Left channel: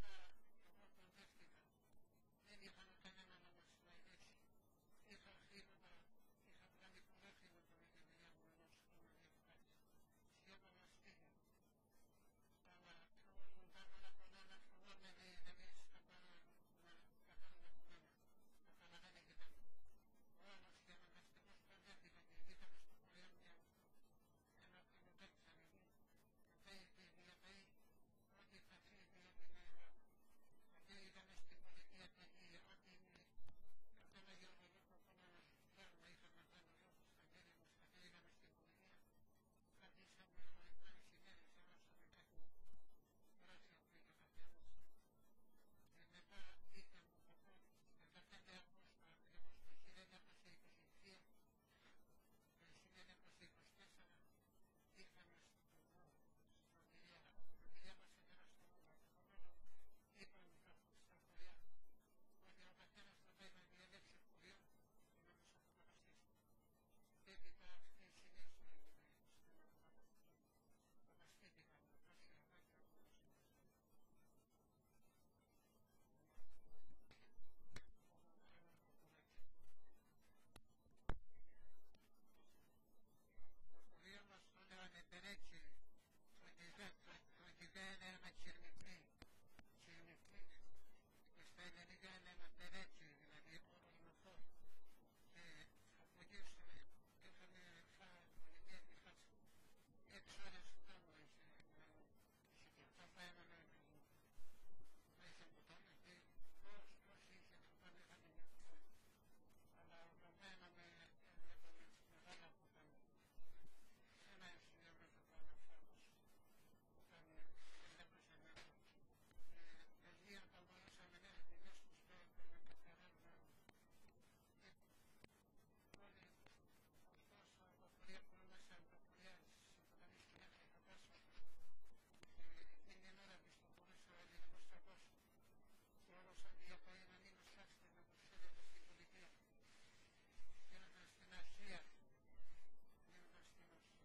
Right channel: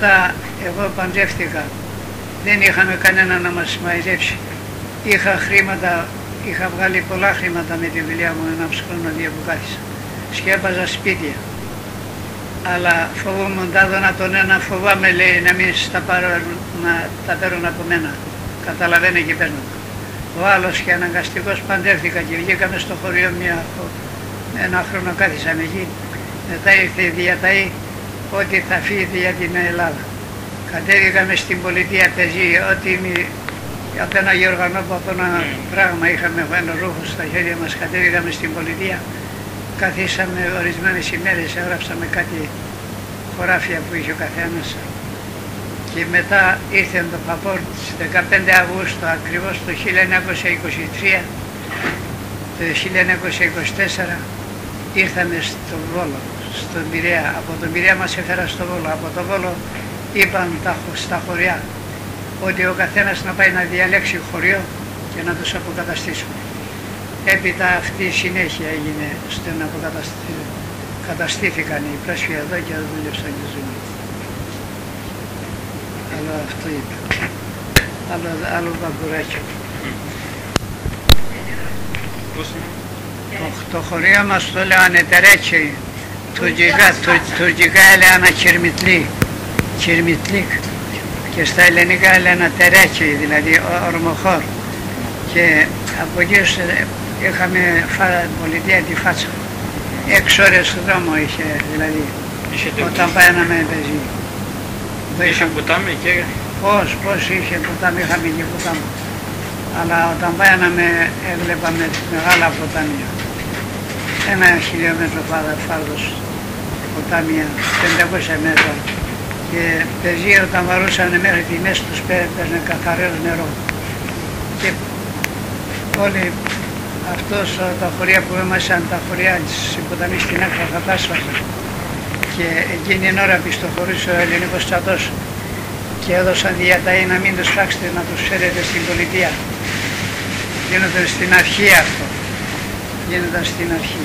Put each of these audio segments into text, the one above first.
μετά εγώ παντρεύτηκα. Δεν είχαμε κανένα να μας μαϊδέψει. Είχα χρήματα, είχα βγάλει πολλά χρήματα με τη δουλειά μου 1,5 χρόνο, 2 που κάθισα. Σκέπαζα σπίτια. Αλλά φοβόμουν τα δώνα τον ένα, φοβάμαι λέει να μην τα παίρνουν από μένα. Καταλαβαίνω και παίρνω. Ο άλλος και αναγκαστικός παντρεύτηκα και βγήκαμε στο χωριό ένα χρόνο κάθισαμε εκεί. Μετά ήρθε η διαταή ότι θα φύγετε για την Ελλάδα. Κατέβηκαμε στην πολιτεία πεζή, ότι από ένα Γεωργανόπο, από ένα πράγμα είχαμε ένα ρούχο στα χέρια μας, κατέβηκαμε στην πολιτεία. Καθίσαμε ορισμένες ημέρες, έγραψαμε κάτι χωράφια που είχε ο καθένας. Και μετά ήρθε το Παπόρ στις 15 Αυγούστου ακριβώς το 1923, το 1924 ήρθαμε στο Βόλο, στον Πειραιά. Από τον Πειραιά μας έφερα στο Βόλο. Από το Βόλο είπαν στα χωριά ότι ο καθένας να πάει να διαλέξει χωριό και να τους αποκαταστήσουμε. Έπειτα αυτή η συνέχεια έγινε ώστε να καταστήθηκαν οι πράσινοι εδώ και δούλεψαν και ζουν. Αλλά αυτό είπε. Άλλο βαμπουράκι. Το χωρίο μας το λέγανε Τερέτσι, τουρκικά έλεγαν Κυρμιτλίκ και στα ελληνικά έλεγαν Τερέτσι, δηλαδή ορμοχώρ. Και από εκεί είχαμε πολιτεία τη Φάτσα. 6 ώρες στο δρόμο είχε, δηλαδή, όταν παίναμε πεζί. Είχε ποτάμι και... Πώς είχε ποτάμι, είχαμε και ποτάμι. Αλλά όταν παίναμε έβλεπαμε μεγάλα ποτάμια. 1 χιλιόμετρο φάρδος ποτάμια, 500 μέτρα. Και πεζί όταν βαρούσαν μέχρι τη μέση τους παίρνε καθαρό νερό. Και όλοι αυτός τα χωριά που ήμασταν, τα χωριά της ποταμής στην άκρα θα τα άσφαζαν. Και εκείνη την ώρα πιστοχωρούσε ο ελληνικός στρατός και έδωσαν διαταή να μην τους φάξετε, να τους φέρετε στην πολιτεία. Γίνονταν στην αρχή αυτό. Γίνονταν στην αρχή.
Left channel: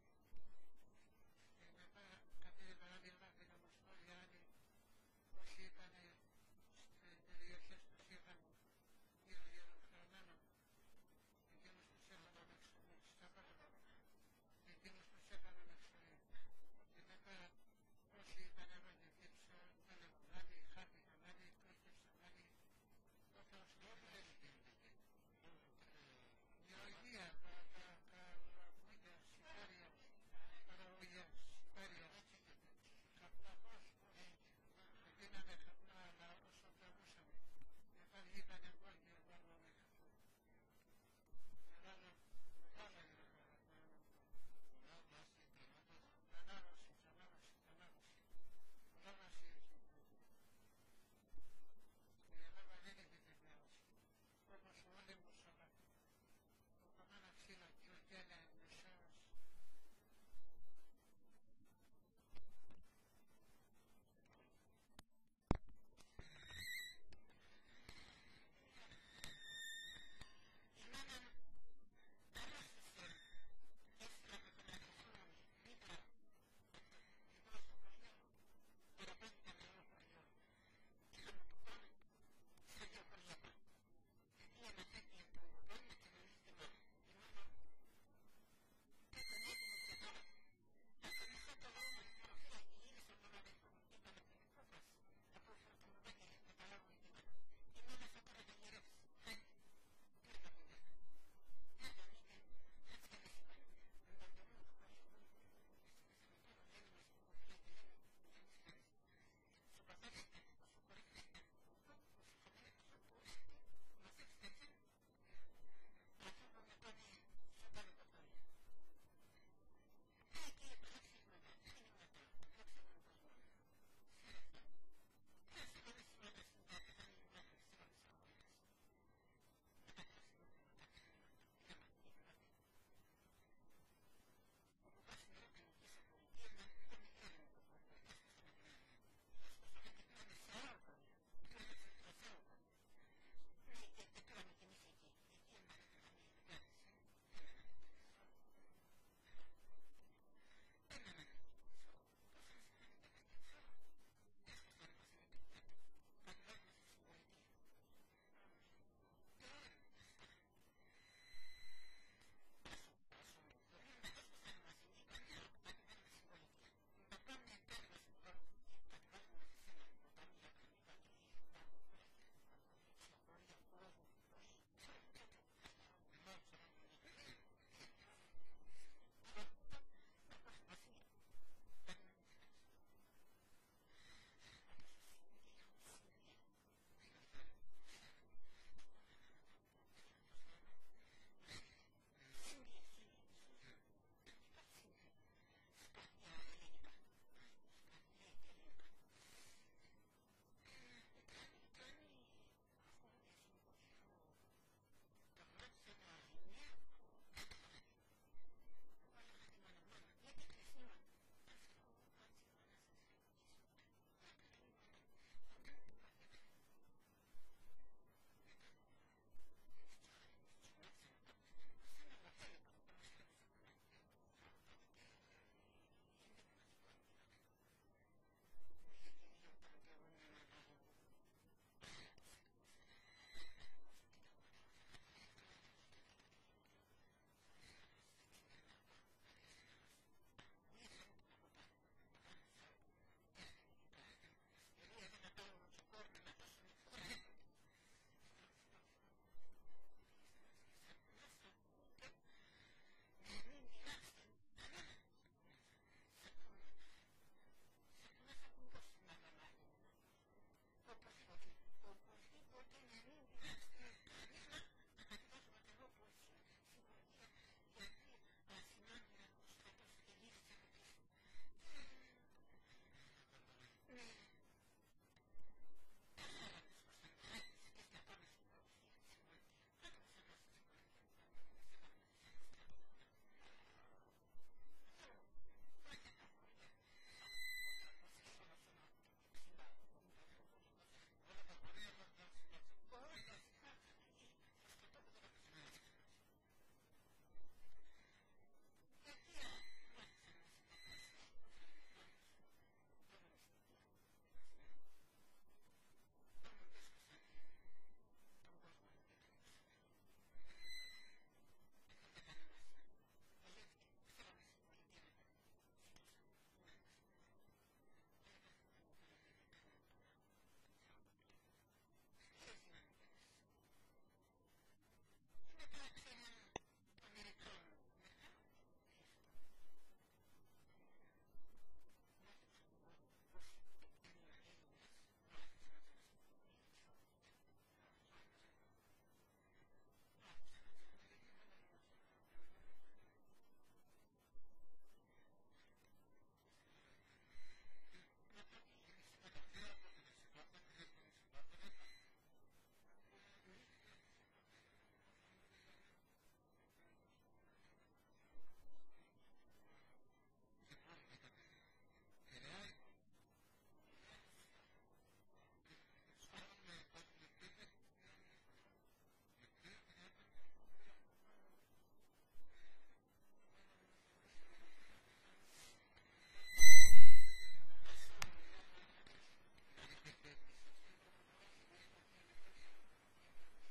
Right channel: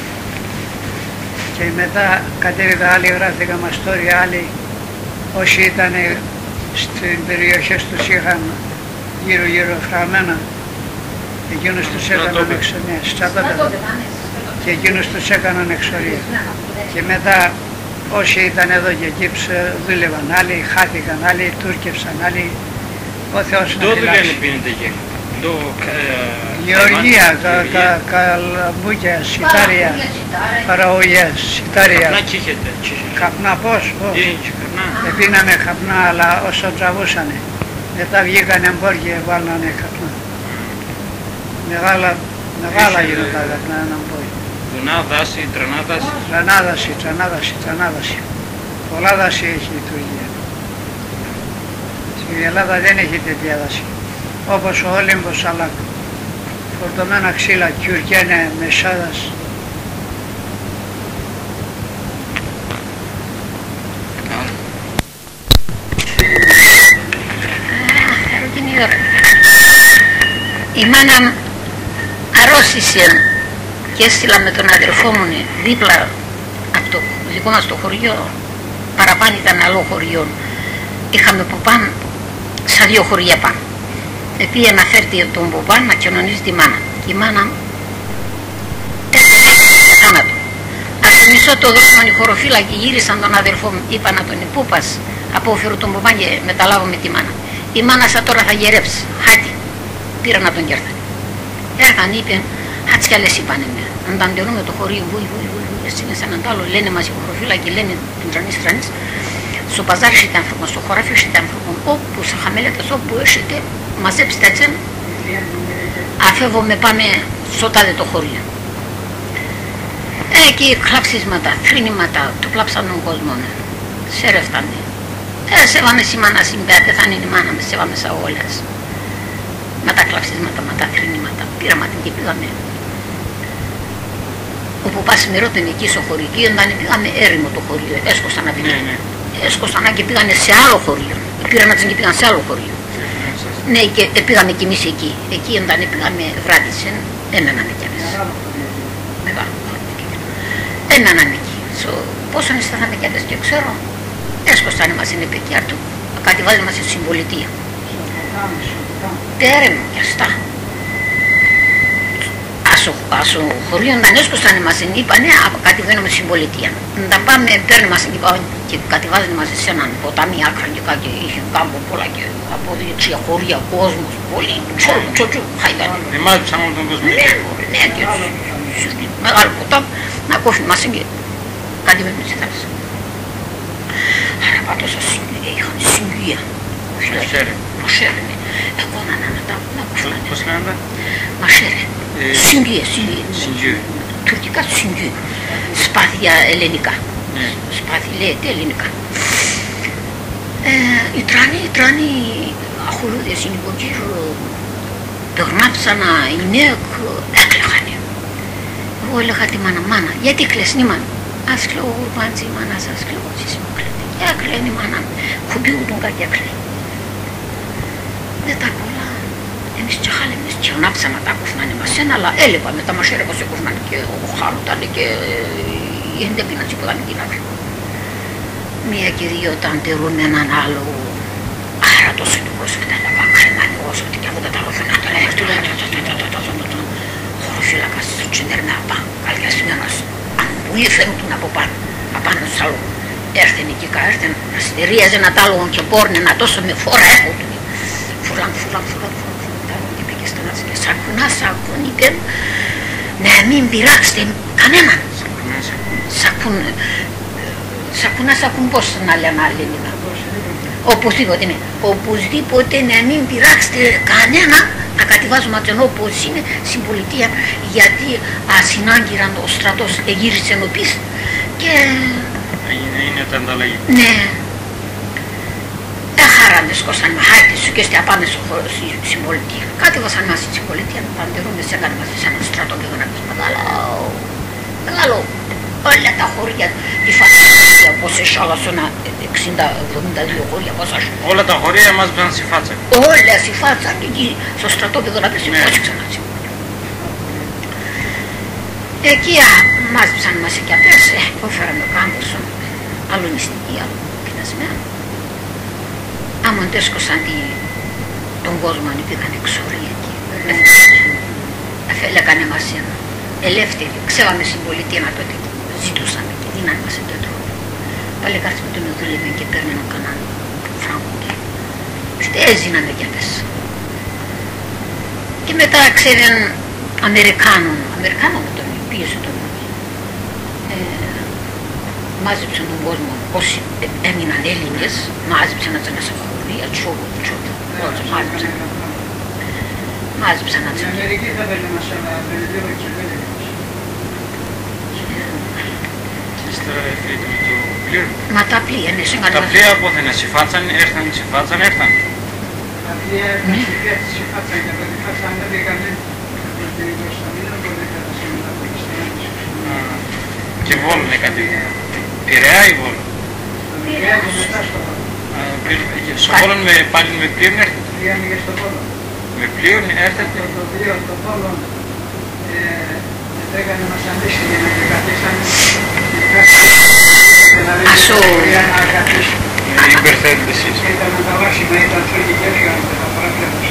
Και μετά κατέβηκα άλλοι, γράφτηκα μαστόρια, άλλοι όσοι ήταν στην περιοχές τους είχαν γύρω φραγμένα. Εκείνους τους έκαναν εξορία, στρατόπεδα. Και εκείνους τους έκαναν εξορία. Και μετά όσοι ήταν εδώ και εκεί δούλευαν, άλλοι χάθηκαν, άλλοι τούρκευσαν, άλλοι ο Θεός να φυλάξει. Δω δεν πίνετε εκεί. Γεωργία, καλαμπούκια, σιτάρια, παραγωγές, σιτάρια. Καπνά τσίχετε. Καπνά πώς. Επίναμε καπνά, αλλά όσο τραβούσανε. Μετά βγήκαν εμπόρια, βάλανε καπνά. Μεγάλα γίνονταν καπνά έναν πόη. Βουνά, δάση, τρανάδαση. Τρανάδαση. Πολλά δάση έχει η Τουρκία. Στην Ελλάδα δεν έχει τέτοια δάση. Όπως ο Όλυμπος, αλλά φορτωμένα ξύλα, κιουρκένε, μεσάδας. Η μάνα αρρώστησε και έστειλα με τον αδερφό μου δίπλα από το δικό μας το χωριό, παραπάνω ήταν άλλο χωριό. Είχαμε Ποπάν σαν 2 χωριά πάνω. Επήγε να φέρει τον Ποπάν να κοινωνήσει τη μάνα. Και η μάνα έπαιρνε για θάνατο. Από το μισό το δώσμαν οι χωροφύλακοι, γύρισαν τον αδερφό μου, είπα να τον Πούπας, απόφερω τον Ποπάν και μεταλάβουμε τη μάνα. Η μάνα σαν τώρα θα γερέψει, χάτι. Πήρα να τον κέρθανε. Έρθαν, είπαν, χάτς κι άλλες είπανε με. Ανταντερούμε το χωρίο, βουι, εσύ είναι σαν έναν άλλο, λένε μας οι χωροφύλακοι, λένε την τρανής. Στο παζάρι έχετε άνθρωπον, στο χωράφι έχετε άνθρωπον, όπου σε χαμέλετες, όπου έχετε, μαζέψτε έτσι, αφεύγουμε πάμε στο τάδε το χωρίο. Εκεί κλαψίσματα, θρύνηματα, το κλάψαν τον κόσμο, σέρευτανε. Σέβαμε η μάνα συμπέα, πεθάνει η μάνα με, σέβαμε σαν όλες. Με τα κλαψίσματα, με τα θρύνηματα, πήραμε την και πήγαμε. Όπου πας με ρώτην εκεί στο χωριό, όταν πήγαμε έρημο το χωριό, έσκωσαν να πήγανε. Έσκωσαν και πήγανε σε άλλο χωριό. Πήραν να και πήγαν σε άλλο χωριό. Ναι, και πήγαμε κι εμείς εκεί. Εκεί όταν πήγαμε βράδυσεν, έμεναμε κι εμείς. Μεγάλο χωριό. Έμεναμε εκεί. Πόσο αισθάναμε κι εμείς και ξέρω. έσκοσανε μας είναι παιδιά του, κατεβάζανε μας στη συμπολιτεία. Τέρε μου κι αυτά. Άσο χωρίο να έσκοσανε μας είναι, είπανε, κατεβαίνουμε στη συμπολιτεία. Να τα πάμε, παίρνει μας και κατεβάζανε μας σε έναν ποτάμι άκρα και κάτι, είχε κάμπο πολλά και από δεξιά χωρία, κόσμος, πολύ, τσότσου, χαϊδάνε. Δημάτισαν όλο τον κόσμο. Ναι, και μεγάλο ποτάμι, να κόφει μας και κατεβαίνουμε στη θάλασσα. Άρα πάντως είχαν συγκία. Μασέρε, ναι. Εγώ να κόφανε. Πώς λένε? Μασέρε. Συγκία. Τουρκικά συγκία. Σπάθια ελληνικά. Σπάθη λέγεται ελληνικά. Οι τράνοι αχολούδες είναι υπογύρω. Περνάψανα, οι νέοι έκλαιγανε. Εγώ έλεγα τη μάνα, γιατί κλαις η μάνα? Ας κλαίω γουρμάντζι η μάνα σας, κλαίω εσείς μου κλαίτε. Έκλαιγε η μάνα, κουμπιούτουν κάτι έκλαιγε. Δεν τα πολλά. Εμείς τσεχάλεμες και ονάψανα τα κούφνανε μας ένα, αλλά έλεπα με τα μασέρα πως έκουφνανε και ο χάρτανε και η εντέπινα τσίπουδαν την άκρη. Μία και δύο τα αντερούν έναν άλλο. Άρα τόσο του πρόσφατα έλεγα κρεμάνι όσο και από τα ταλόφωνα τώρα έρθει χωροφύλακας του τσιντερνάπα, καλιασμένος. Αν πολύ φαίνονταν από πάνω στο άλλο. Έρθεν εκεί κάρθεν, αστερίαζε ένα τάλογο και πόρνε να τόσο με φόρα έρχονταν. Φουλάν, και πήγε στον άσο και σακούν, είπε, να μην πειράξετε κανέναν. Σακούν πώς να λένε άλλοι ελληνικά. Οπωσδήποτε, ναι. Οπωσδήποτε να μην πειράξετε κανένα, να κατεβάζουμε τον όπως είναι στην πολιτεία, γιατί ασυνάγκυραν ο στρατός εγύρισε νοπής και... Είναι τα ανταλλαγή. Ναι. Έχαραν σκόσαν με χάρτη σου και στη απάνε στην πολιτεία. Κατεβάσαν μας στην πολιτεία, να παντερούμε σε έκανε μας σε έναν στρατό και δεν άκουσαν μεγάλο. Όλα τα χωριά, τη φάτσα, όπως εσάλασσονα 60-72 χωριά, πόσα σου. Όλα τα χωριά μας πάνε στη φάτσα. Όλα στη φάτσα και εκεί στο στρατόπεδο να πέσει πόση ξανά. Εκεί μάζεψαν μας εκεί απές, έφεραμε κάμποσο, άλλο νηστική, άλλο πεινασμένο. Άμα αντέσκωσαν τον κόσμο αν πήγαν εξορία εκεί, λέγανε μας ελεύθεροι, ξέραμε στην πολιτεία να τότε ζητούσαμε και δίνανε μας ένα τρόπο. Πάλι κάτσε με τον δουλεύαν και παίρνανε κανέναν φράγκο και έζηναν κι αυτές. Και μετά ξέραν Αμερικάνων με τον πίεσε τον μάζεψαν τον κόσμο όσοι έμειναν Έλληνες, μάζεψαν να τσάνε σε χωρία, τσόβο, μάζεψαν να τσάνε. Αμερική θα παίρνει μας ένα περιδίωρο και πέντε. Μα τα πλοία, ναι, τα πλοία από δεν συμφάτσαν, έρθαν. Τα πλοία έρθαν συμφάτσαν και από τη φάτσα ανέβηκανε προς την Ιγκοσταμίνα, από την και Βόλο είναι κάτι. Πειραιά ή Βόλο? στο Πειραιά και μετά στο Βόλο. Στο Βόλο πάλι με πλοίο έρθετε? Πήγαμε και στο Βόλο. Με πλοίο έρθετε? Το πλοίο στο Βόλο έκανε μας αντίστοιχη για να καθίσανε Ασο... Υπερθέτετε εσείς. Ήταν τα βάσιμα, ήταν φέγγι και έφυγαν με τα παράπλια τους.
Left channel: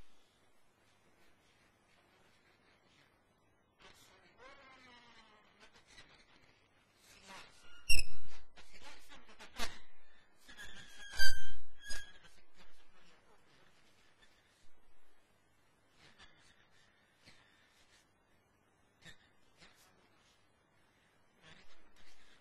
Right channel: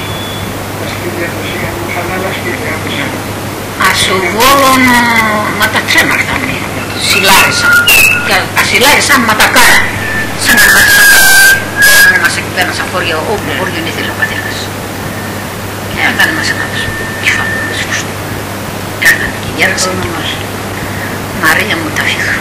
Τα σπίτια τους είχαν χαλάλα σπίτια τους. Ασοβόλων μα τα τρέμαρτανε, σιλάρισαν. Και ασιλάρισαν μα τα κάρα. Σαν να μας εκεί πέρα σαν χωριά, όπου χωριόν ήθελε ο πατέρας. Και έκανε μας ένα κεφάλαιο, μας φουστού. Και έκανε και γέρασαν και μας. Μαρία μου τα φύγα.